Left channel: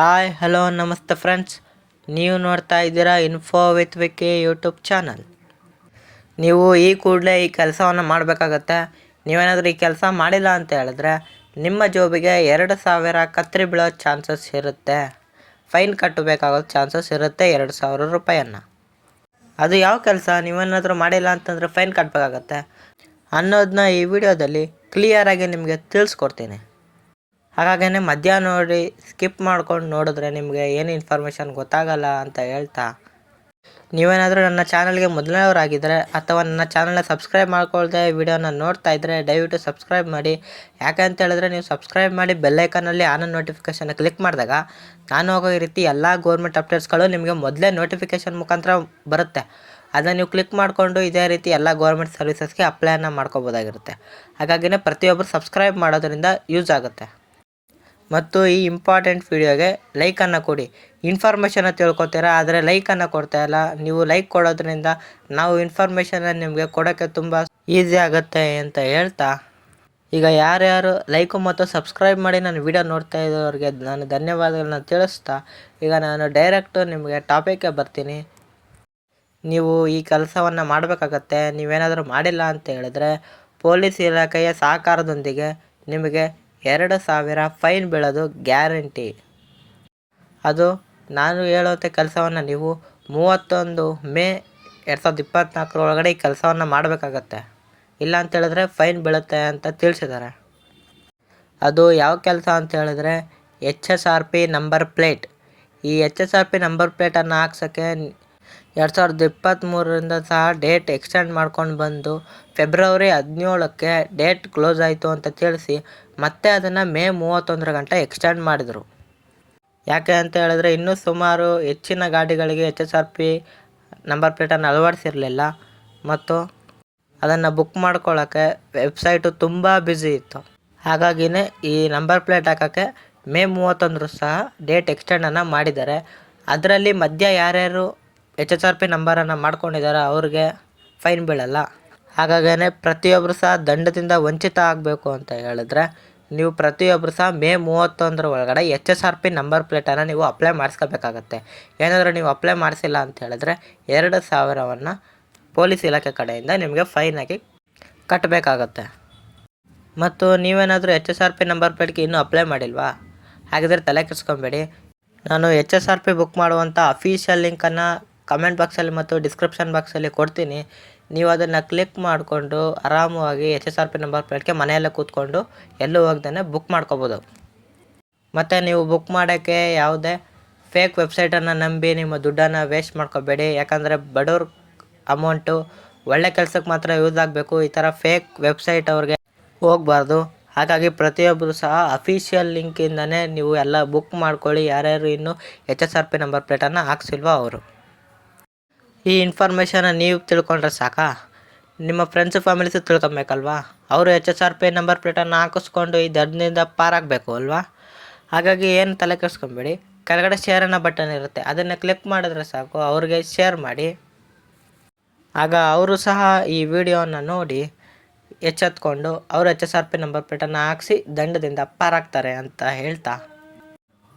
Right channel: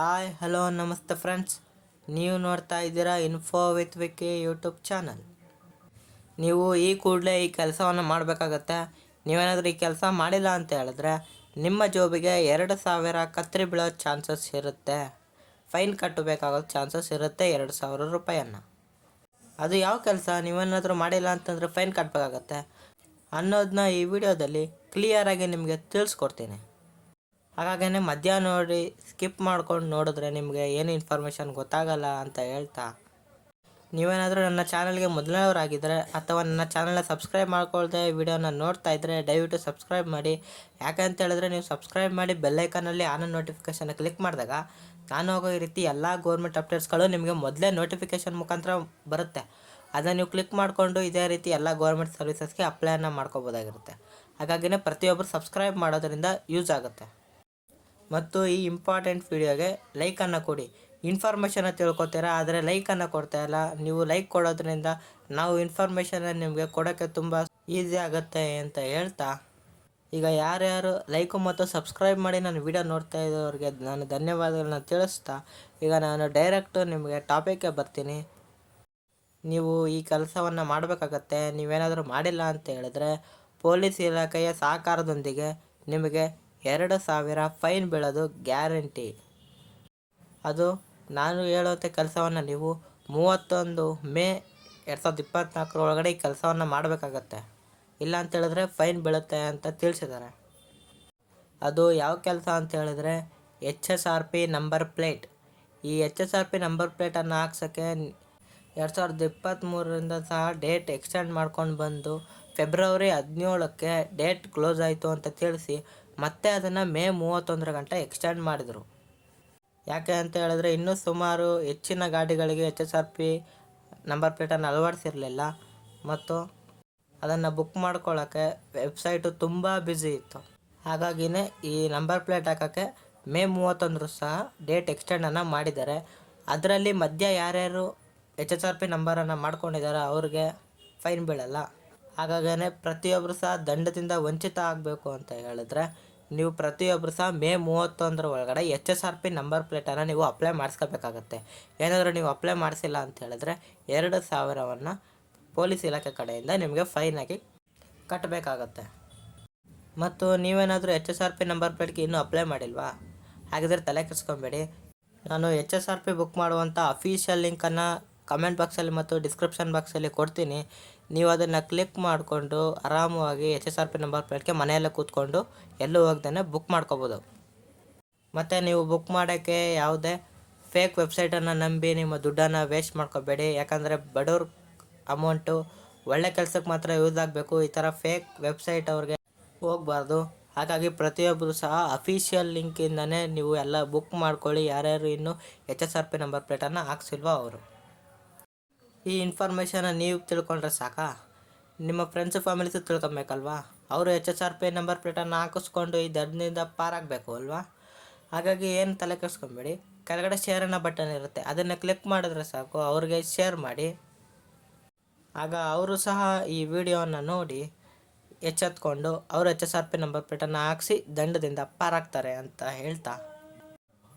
Hi hello ನಮಸ್ತೆ friends, ನೀವು ನೋಡ್ತಾ ಇದ್ದೀರಾ info with Vicky YouTube channel. ನೀವು ಈ ಕೂಡಲೇ ಈ ಕೆಲಸವನ್ನು ಮಾಡಬೇಕಾಗತ್ತೆ. ನೀವೇನಾದರೂ ಈ ಕೆಲಸ ಮಾಡಿಲ್ಲ ಅಂತ ಹೇಳಿದ್ರೆ ನಿಮ್ಮ ಜಾಬಿಗೆ 2,000 ಕತ್ತರಿ ಬೀಳೋ ಚಾನ್ಸಸ್ ಇರುತ್ತೆ. ಫೈನ್ ಕಟ್ಟಬೇಕಾಗೋ ಚಾನ್ಸಸ್ ಇರುತ್ತೆ 2,000 ರೂಪಾಯಿಯನ್ನು. ಅದು ಯಾವ ಕೆಲಸ, ನೀವೇನಾದರೂ ಮಾಡಿಲ್ಲ ಅಂತಂದರೆ ಫೈನ್ ಕಟ್ಟಬೇಕಾಗತ್ತೆ ಅನ್ನೋದನ್ನ ಈ ವಿಡಿಯೋದಲ್ಲಿ ಕ್ಲಿಯರಾಗಿ ನಿಮಗೆ ತಿಳಿಸ್ಕೊಡ್ತೀನಿ. ಹಾಗಾಗೇ ಮಧ್ಯ ನೋಡಿ ಸ್ಕಿಪ್ ಮಾಡ್ಕೊಂಡು ನೋಡಿದ್ರೆ ನಿಮಗೆ ಏನು ಇನ್ಫಾರ್ಮೇಷನ್ ಗೊತ್ತಾಗಲ್ಲ ಅಂತ ಹೇಳ್ತಾ, ನೀವೇನಾದರೂ ನನ್ನ ಚಾನಲ್ಗೆ ಮೊದಲನೇವರಾಗಿದ್ದರೆ ಅಥವಾ ನನ್ನ ಚಾನಲ್ನ ಸಬ್ಸ್ಕ್ರೈಬ್ ಮಾಡ್ಕೊಳ್ದೆ ವಿಡಿಯೋನ ನೋಡ್ತಾ ಇದ್ದರೆ ದಯವಿಟ್ಟು ಸಬ್ಸ್ಕ್ರೈಬ್ ಮಾಡಿ. ಯಾಕೆ ಅಂತ ಹೇಳಿದ್ರೆ ನೀವು ಸಬ್ಸ್ಕ್ರೈಬ್ ಮಾಡಿ ಬೆಲ್ಲೈಕನಲ್ಲಿ ಆನ್ ನೋಟಿಫಿಕೇಷನ್ ಕ್ಲಿಕ್ ಮಾಡಿದಾಗ ನಾನು ಹೋಗೋ ಈ ರೀತಿ ಎಲ್ಲ ಗೌರ್ಮೆಂಟ್ ಅಪ್ಡೇಟ್ಸ್ಗಳು ನಿಮಗೆ ಮೊದಲೇ ನೋಟಿಫಿಕೇಷನ್ ಮುಖಾಂತರ ಬರುತ್ತೆ. ಅದನ್ನು ನೀವು ಕ್ಲಿಕ್ ಮಾಡಿಕೊಂಡು ಇದೇ ರೀತಿ ಎಲ್ಲ ಗೌರ್ಮೆಂಟ್ ಸರ್ವಿಸಸ್ಗೆ ಅಪ್ಲೈನ ಮಾಡ್ಕೋಬೋದಾಗಿರುತ್ತೆ. ಹಾಗಾಗಿನೇ ಪ್ರತಿಯೊಬ್ಬರು ಸಬ್ಸ್ಕ್ರೈಬ್ ಮಾಡೋದ್ರಿಂದ ಯೂಸ್ ಆಗುತ್ತೆ. ಮತ್ತು ಈ ಇಂಪಾರ್ಟೆಂಟ್ ವಿಡಿಯೋಗೆ ಲೈಕನ್ನು ಕೊಡಿ. ಇನ್ಫಾರ್ಮೇಷನ್ನ ತಿಳ್ಕೊತೀರಾ, ಆದರೆ ಲೈಕನ್ನು ಕೊಡ್ತಾಯಿಲ್ಲ. ನೀವು ಲೈಕ್ ಕೊಡೋದ್ರಿಂದ ನಾವು ಇನ್ಫಾರ್ಮೇಷನ್ನ ನಿಮಗೆ ಕೊಡೋಕ್ಕೆ ತುಂಬ ಈಸಿ ಆಗುತ್ತೆ ಅಂತ ಹೇಳ್ತಾ, ಈಗ ಯಾರ್ಯಾರು ಲೈಕು ಮತ್ತು ಸಬ್ಸ್ಕ್ರೈಬ್ ಮಾಡಿ ನಾನು ವಿಡಿಯೋ ನೋಡ್ತಾ ಇದ್ದವ್ರಿಗೆ ನಾನು ಧನ್ಯವಾದಗಳನ್ನ ತಿಳಿಸ್ತಾ, ಈಗ ನಾನು ಡೈರೆಕ್ಟು ನಿಮಗೆ ಟಾಪಿಕ್ಗೆ ಬರ್ತೀನಿ. ನೀವು ಈ ಕೆಲಸವನ್ನು ಮಾಡಬೇಕಾಗತ್ತೆ. ನೀವೇನಾದರೂ ಮಾಡಿಲ್ಲ ಅಂತ ಹೇಳಿದ್ರೆ ಪೊಲೀಸ್ ಇಲಾಖೆಯ ಸಹಕಾರದೊಂದಿಗೆ ನಿಮಗೆ 2,000 ಫೈನ್ ಬೀಳೋದು ಗ್ಯಾರಂಟಿ. ಅದು ನಾನು ಹೇಳುವಂಥ ಕೆಲಸವನ್ನು ನೀವು 31 ಮೇ 2024 ಒಳಗಡೆ ಈ ಕೆಲಸವನ್ನು ಮಾಡಬೇಕಾಗತ್ತೆ. ಇಲ್ಲ ಅಂತ ಹೇಳಿದ್ರೆ ಫೈನ್ ಬೀಳುತ್ತೆ ಅಂತ ತಿಳಿಸಿದ್ದಾರೆ. ಅದು ಯಾವ ಕೆಲಸ ಅಂತ ಹೇಳಿದ್ರೆ HSRP ನಂಬರ್ ಪ್ಲೇಟ್. ಈ HSRP ನಂಬರ್ ಪ್ಲೇಟನ್ನು ಹಾಕ್ಸೋಕ್ಕೆ 2023ರಿಂದ ಸಹ ಡೇಟ್ ಎಕ್ಸ್ಟೆಂಡ್ ಮಾಡ್ಕೊಂಡು ಬಂದು ಫೆಬ್ರವರಿ 17ಕ್ಕೆ ಡೇಟ್ ಕ್ಲೋಸ್ ಆಯಿತು ಅಂತ ತಿಳಿಸಿ ಮತ್ತೆ ಅದನ್ನು ಮೇ 31 ಗಂಟೆ ಎಕ್ಸ್ಟೆಂಡ್ ಮಾಡಿದರು. ಯಾಕೆ ಅಂತ ಹೇಳಿದ್ರೆ ಇನ್ನೂ ಸುಮಾರು ಹೆಚ್ಚಿನ ಗಾಡಿಗಳಿಗೆ HSRP ನಂಬರ್ ಪ್ಲೇಟನ್ನು ಅಳವಡಿಸಿರಲಿಲ್ಲ ಮತ್ತು ಅದನ್ನು ಬುಕ್ ಮಾಡ್ಕೊಳ್ಳೋಕ್ಕೆ ವೆಬ್ಸೈಟು ತುಂಬ ಬ್ಯುಸಿ ಇತ್ತು. ಹಾಗಾಗಿನೇ ಈ ನಂಬರ್ ಪ್ಲೇಟ್ ಹಾಕೋಕ್ಕೆ ಮೇ 31 ಸಹ ಡೇಟ್ ಎಕ್ಸ್ಟೆಂಡನ್ನು ಮಾಡಿದ್ದಾರೆ. ಅದರಲ್ಲಿ ಮಧ್ಯ ಯಾರ್ಯಾರು HSRP ನಂಬರನ್ನು ಮಾಡ್ಕೊಂಡಿದ್ದಾರೆ ಅವ್ರಿಗೆ ಫೈನ್ ಬೀಳಲ್ಲ. ಹಾಗಾಗೇ ಪ್ರತಿಯೊಬ್ಬರು ಸಹ ದಂಡದಿಂದ ವಂಚಿತ ಆಗಬೇಕು ಅಂತ ಹೇಳಿದ್ರೆ ನೀವು ಪ್ರತಿಯೊಬ್ಬರು ಸಹ ಮೇ 31 ಒಳಗಡೆ HSRP ನಂಬರ್ ಪ್ಲೇಟನ್ನು ನೀವು ಅಪ್ಲೈ ಮಾಡಿಸ್ಕೋಬೇಕಾಗತ್ತೆ. ಏನಾದರೂ ನೀವು ಅಪ್ಲೈ ಮಾಡಿಸಿಲ್ಲ ಅಂತ ಹೇಳಿದ್ರೆ 2,000ವನ್ನು ಪೊಲೀಸ್ ಇಲಾಖೆ ಕಡೆಯಿಂದ ನಿಮಗೆ ಫೈನಾಗಿ ಕಟ್ಟಬೇಕಾಗತ್ತೆ. ಮತ್ತು ನೀವೇನಾದರೂ HSRP ನಂಬರ್ ಪ್ಲೇಟ್ಗೆ ಇನ್ನೂ ಅಪ್ಲೈ ಮಾಡಿಲ್ವಾ? ಹಾಗಿದ್ರೆ ತಲೆ ಕೆಡಿಸ್ಕೊಬೇಡಿ. ನಾನು HSRP ಬುಕ್ ಮಾಡುವಂಥ ಅಫಿಷಿಯಲ್ ಲಿಂಕನ್ನು ಕಮೆಂಟ್ ಬಾಕ್ಸಲ್ಲಿ ಮತ್ತು ಡಿಸ್ಕ್ರಿಪ್ಷನ್ ಬಾಕ್ಸಲ್ಲಿ ಕೊಡ್ತೀನಿ. ನೀವು ಅದನ್ನು ಕ್ಲಿಕ್ ಮಾಡಿಕೊಂಡು ಆರಾಮವಾಗಿ HSRP ನಂಬರ್ ಪ್ಲೇಟ್ಗೆ ಮನೆಯಲ್ಲೇ ಕೂತ್ಕೊಂಡು ಎಲ್ಲೂ ಹೋಗ್ದೇ ಬುಕ್ ಮಾಡ್ಕೋಬೋದು. ಮತ್ತು ನೀವು ಬುಕ್ ಮಾಡೋಕ್ಕೆ ಯಾವುದೇ ಫೇಕ್ ವೆಬ್ಸೈಟನ್ನು ನಂಬಿ ನಿಮ್ಮ ದುಡ್ಡನ್ನು ವೇಸ್ಟ್ ಮಾಡ್ಕೋಬೇಡಿ. ಯಾಕಂದರೆ ಬಡವ್ರ ಅಮೌಂಟು ಒಳ್ಳೆ ಕೆಲಸಕ್ಕೆ ಮಾತ್ರ ಯೂಸ್ ಆಗಬೇಕು. ಈ ಥರ ಫೇಕ್ ವೆಬ್ಸೈಟ್ ಅವ್ರಿಗೆ ಹೋಗಬಾರ್ದು. ಹಾಗಾಗಿ ಪ್ರತಿಯೊಬ್ಬರು ಸಹ ಅಫಿಷಿಯಲ್ ಲಿಂಕಿಂದನೇ ನೀವು ಎಲ್ಲ ಬುಕ್ ಮಾಡ್ಕೊಳ್ಳಿ. ಯಾರ್ಯಾರು ಇನ್ನೂ HSRP ನಂಬರ್ ಪ್ಲೇಟನ್ನು ಹಾಕ್ಸಿಲ್ವೋ ಅವರು. ಈ ಇನ್ಫಾರ್ಮೇಷನ್ನ ನೀವು ತಿಳ್ಕೊಂಡ್ರೆ ಸಾಕಾ? ನಿಮ್ಮ ಫ್ರೆಂಡ್ಸು ಫ್ಯಾಮಿಲೀಸು ತಿಳ್ಕೊಬೇಕಲ್ವಾ? ಅವರು HSRP ನಂಬರ್ ಪ್ಲೇಟನ್ನು ಹಾಕಿಸ್ಕೊಂಡು ಈ ದಂಡದಿಂದ ಪಾರಾಗಬೇಕು ಅಲ್ವಾ? ಹಾಗಾಗಿ ಏನು ತಲೆ ಕೆಡಿಸ್ಕೊಬೇಡಿ. ಕೆಳಗಡೆ ಶೇರ್ ಅನ್ನೋ ಬಟನ್ ಇರುತ್ತೆ, ಅದನ್ನು ಕ್ಲಿಕ್ ಮಾಡಿದ್ರೆ ಸಾಕು, ಅವ್ರಿಗೆ ಶೇರ್ ಮಾಡಿ. ಆಗ ಅವರು ಸಹ ಈ ವಿಡಿಯೋನ ನೋಡಿ ಎಚ್ಚೆತ್ಕೊಂಡು ಅವರು HSRP ನಂಬರ್ ಪ್ಲೇಟನ್ನು ಹಾಕಿಸಿ ದಂಡದಿಂದ ಪಾರಾಗ್ತಾರೆ ಅಂತ ಹೇಳ್ತಾ,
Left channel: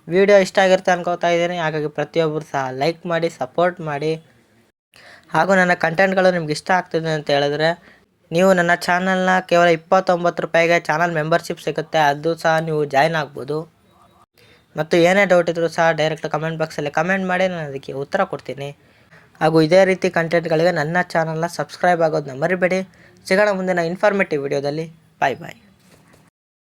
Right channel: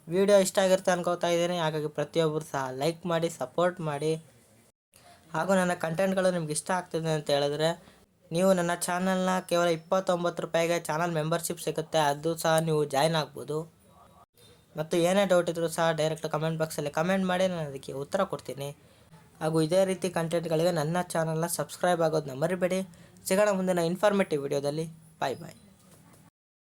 ವಿಡಿಯೋ ಇಷ್ಟ ಆಗಿರುತ್ತೆ ಅನ್ಕೋತಾ ಇದ್ದೀನಿ. ಹಾಗಾಗಿ ಪ್ರತಿಯೊಬ್ಬರು ಸಹ ಲೈಕ್ ಮಾಡಿ, ಸಪೋರ್ಟ್ ಮಾಡಿ. ಹಾಗೂ ನನ್ನ ಕಂಟೆಂಟ್ಗಳು ನಿಮ್ಗೆ ಇಷ್ಟ ಆಗ್ತಿದೆ ಅಂತ ಹೇಳಿದ್ರೆ ನೀವು ನನ್ನ ಚಾನಲ್ನ ಕೇವಲ 29 ರೂಪಾಯಿಗೆ ಚಾನಲ್ ಮೆಂಬರ್ಶಿಪ್ ಸಿಗುತ್ತೆ. ಅದು ಸಹ ನೀವು ಜಾಯ್ನ್ ಆಗ್ಬೋದು. ಮತ್ತು ಏನೇ ಡೌಟ್ ಇದ್ದರೂ ಸಹ ಡೈರೆಕ್ಟ್ ಕಮೆಂಟ್ ಬಾಕ್ಸಲ್ಲಿ ಕಮೆಂಟ್ ಮಾಡಿ, ನಾನು ಅದಕ್ಕೆ ಉತ್ತರ ಕೊಡ್ತೀನಿ. ಹಾಗೂ ಇದೇ ರೀತಿ ಕಂಟೆಂಟ್ಗಳಿಗೆ ನನ್ನ ಚಾನಲ್ನ ಸಬ್ಸ್ಕ್ರೈಬ್ ಆಗೋದನ್ನ ಮರಿಬೇಡಿ. ಸಿಗೋಣ ಮುಂದಿನ ಇನ್ಫಾರ್ಮೇಟಿವ್ ವಿಡಿಯೋದಲ್ಲಿ. ಬಾಯ್ ಬಾಯ್.